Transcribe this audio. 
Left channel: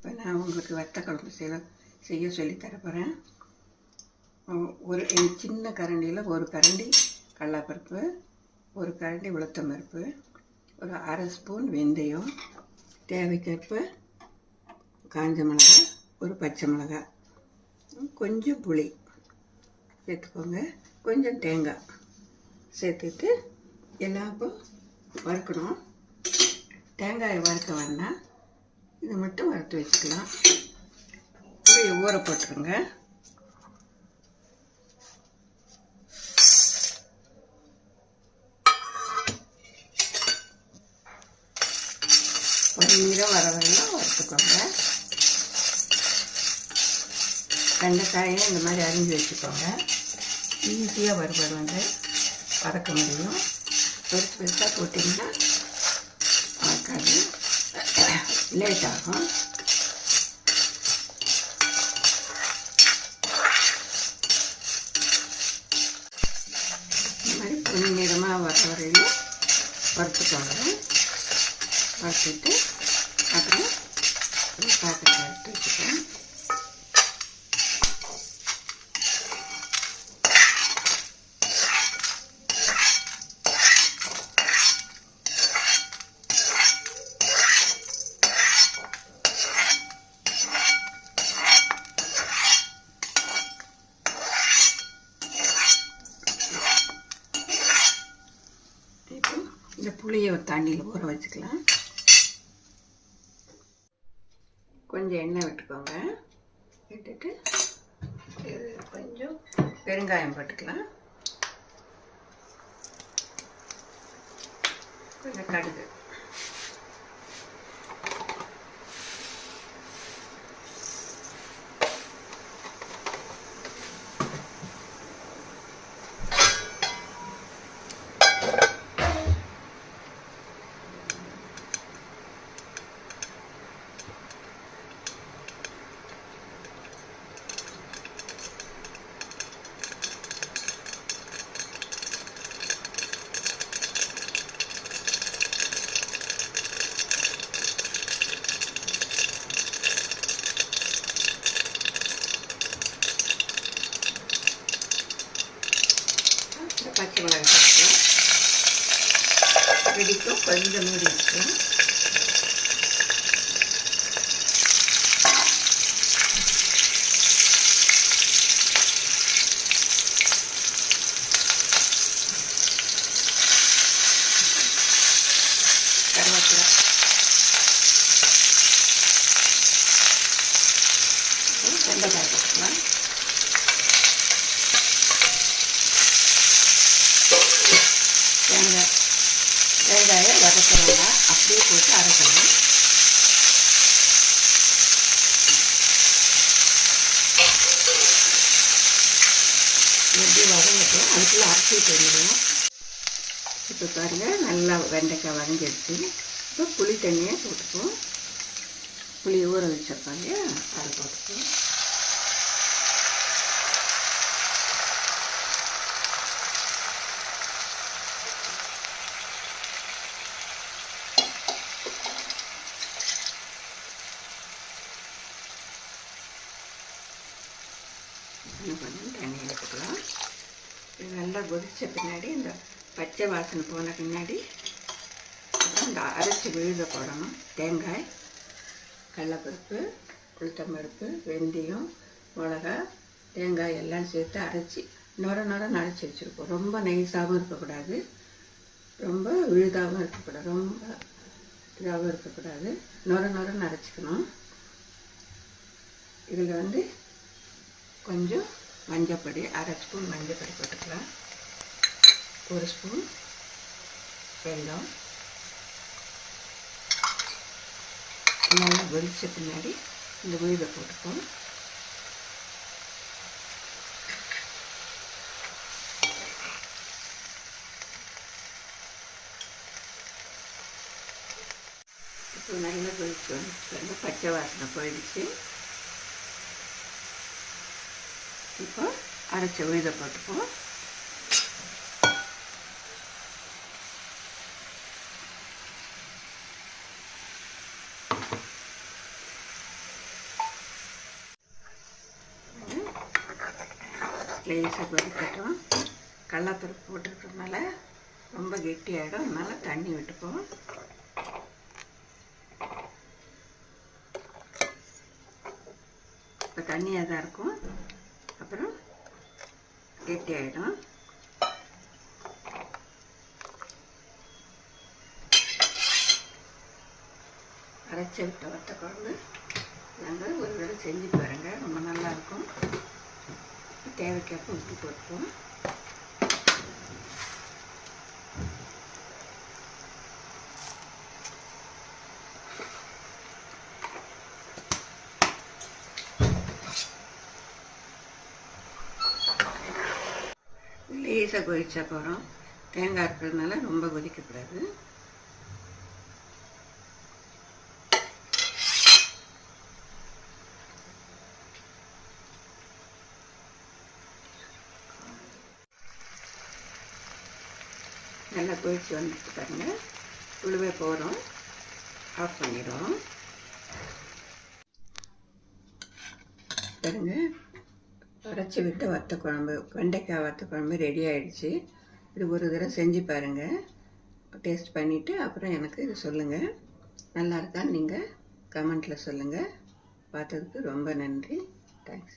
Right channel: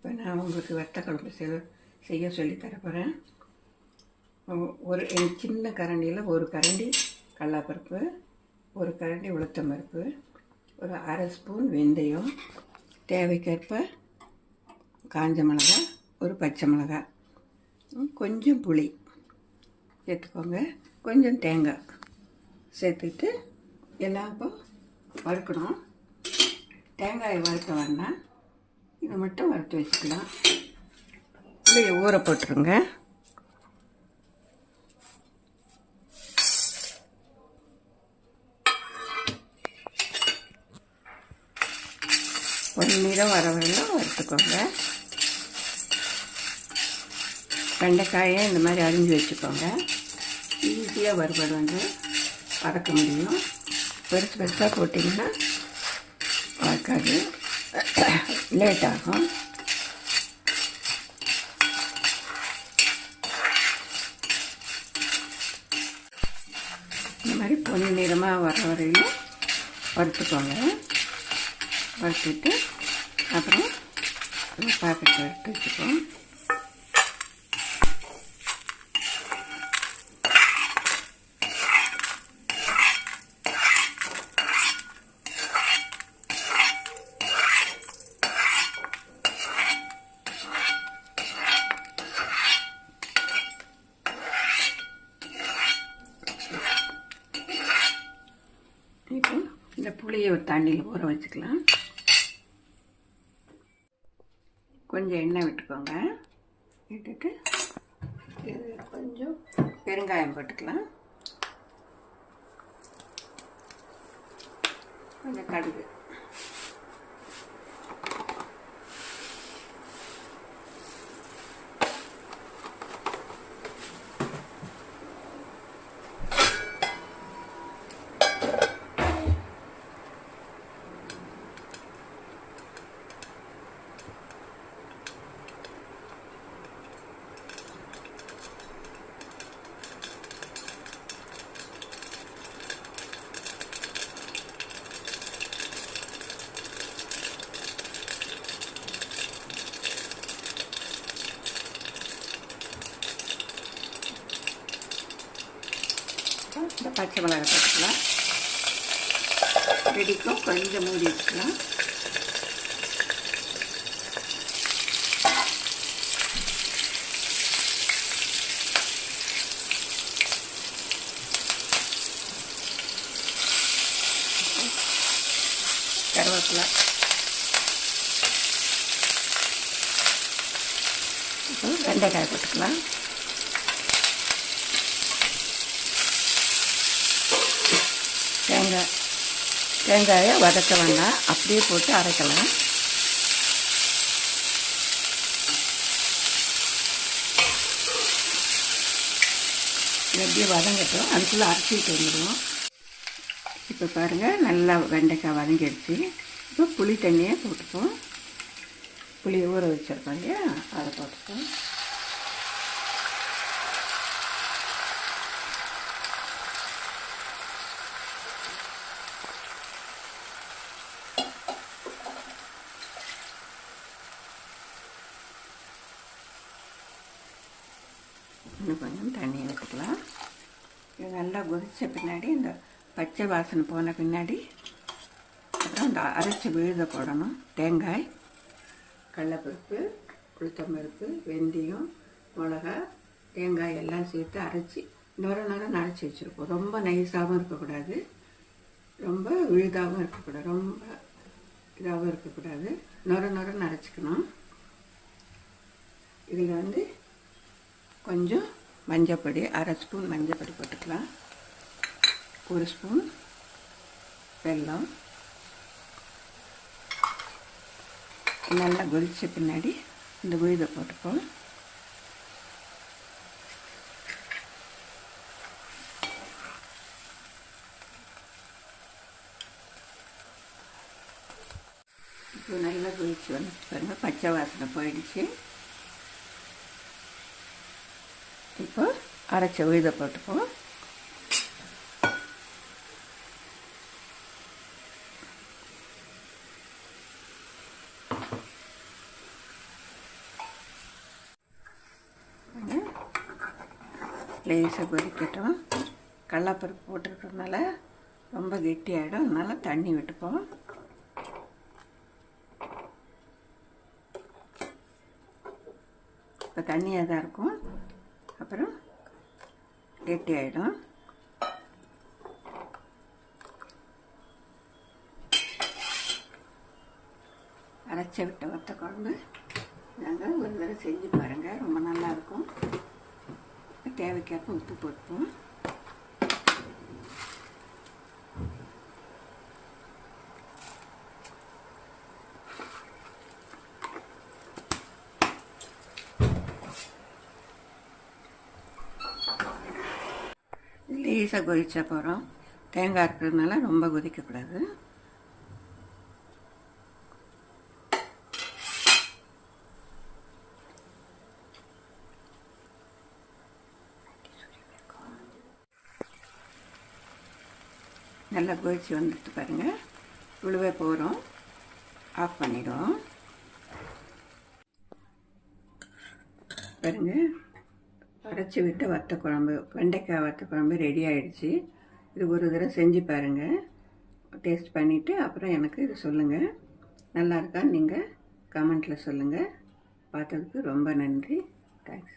இப்போ நான் உங்களுக்கு வத்த குழம்பு செய்ய சொல்லித்தர போகிறேன். ஒரு சின்ன கரண்டியில் ஒரு கரண்டி கடலைப்பருப்பு, ஒரு கரண்டி உளுத்தம்பருப்பு, ஒரு அரை ஸ்பூன் வெந்தயம், தேவைக்கேற்ப காஞ்ச மிளகாய், ஒரு பச்சை மிளகாய், கொஞ்சம் புளி சேர்த்துக்கோங்க, கொஞ்சம் தேங்காய் சேர்த்துட்டு எல்லாம் இப்போ வறுக்கணும். தேங்காயை வறுக்க வேண்டாம், இதை மட்டும் வறுத்து வச்சுக்கலாம். புளியை ஊற போட்டுருங்க. ஒரு நிறம் வர வேணும் வறுத்துக்கோங்க. வெண்டைக்காயை இந்த மாதிரி அரிஞ்சு வச்சுக்கோங்க. ஈஸியாக வறுபடுவாங்க, வதக்க முடியும். பெருசு பெருசாக போட்டிங்கன்னா வதக்காது, லேட் ஆகும். இந்த மாதிரி பொன்னிறமாக வர வரையிலும் வறுத்துக்கோங்க. வறுத்துட்டு அப்புறம் பாக்கெட் வறுத்து வச்சுக்கோங்க. இப்போ இந்த புளியை தண்ணியில் ஊற வச்சுக்கலாம். கொஞ்சம் எண்ணெய் விட்டுக்கோங்க. விட்டுட்டு கொஞ்சம் பெருங்காயம் போட்டுக்கலாம். கொஞ்சம் கடுகு, பச்சை மிளகாய் போட்டுக்கலாம். வெடிக்கும், கொஞ்சம் மூடி வச்சுக்கலாம். கருவேப்பிலை, வெண்டைக்காய் போட்டுக்கலாம். தேங்காயை வதக்க வேண்டாம், அப்படியே போட்டு அரைக்கலாம். எப்படி வதங்கட்டும், அதுக்குள்ளே அரைச்சி தெரியும். இப்போ பாருங்கள், நல்லா வெண்டைக்காய் வதங்கிடுச்சு. இப்போ புளி தண்ணியை போட்டுப்போம். புளியை ஊற வச்சுருப்பாங்க, அதை போட்டுப்போம். இன்னும் கொஞ்சம் தண்ணி ஊற்றிக்கலாம். இது நல்லா கொதித்த பின்னாடி, இந்த பச்சை வாசனை போன பின்னாடி அப்புறம் இந்த அரைச்சி விழுத போடணும். தேங்காய், கடலைப்பருப்பு, உளுத்தம்பருப்பு, வெந்தயம், மிளகா, தேங்காய் எல்லாம் சேர்த்து அரைச்சி நொரன்னு அரைச்சி வச்சுருக்கோம். ரொம்ப நைஸாகவும் இருக்கக்கூடாது, ரொம்ப விழுதாகவும் இருக்கக்கூடாது, ரொம்ப இதாகவும் இருக்கக்கூடாது. நொரன்னு அரைச்சிக்கணும். இதில் கொஞ்சம் மஞ்சப்பொடி, அரை ஸ்பூன் மஞ்சப்பொடி போட்டுக்கலாம். ஒரு ஸ்பூன் வெல்லம். நல்லா கொதிச்ச பின்னாடி இந்த விழுதை போட்டுப்போம். இப்போ நல்லா கொதிச்சு வந்து பச்சை வாசனை போயிடுச்சு. இப்போ அரைச்ச விழுதை போட்டுப்போம். லேசாக கொதிக்கட்டும். கடலைப்பருப்பு போட்டுக்கிறதுனால ரொம்ப கெட்டியாகிடும், அதனால் தண்ணி விட்டுப்போம். இப்போ தண்ணியாக தான் இருக்கும், அப்புறம் கெட்டியாகிடும். அரைச்சி விட்ட வத்த குழம்பு நாங்கள் ஒரு தடவை செஞ்சு பாருங்கள், ரொம்ப நல்லாயிருக்கும். தேவைக்கேற்ப உப்பு போட்டுப்போம். லேசாக கொதிச்சா போகிறோம், தேங்காய் இருக்கிறதுனால ரொம்ப கொதிக்கக்கூடாது. நல்லா கொதிச்சு வந்துட்டு பாருங்கள், உழுவே போகிறோம், ஆஃப் பண்ணிடுவோம். பாருங்க, அரைச்சி விட்டு வத்த குழம்பு, வெண்டைக்காய் வத்த குழம்பு ரெடி ஆகிடுச்சு. இது ஒரு தடவை செஞ்சு பாருங்கள், டேஸ்ட் பண்ணிவிட்டு அப்புறம் எனக்கு இது சொல்லுங்கள். நல்லா இருக்கான்னு நீங்கள் கமெண்ட்டில் சொல்லுங்கள். பார்த்ததுக்கு ரொம்ப நன்றி. தேங்க்ஸ்.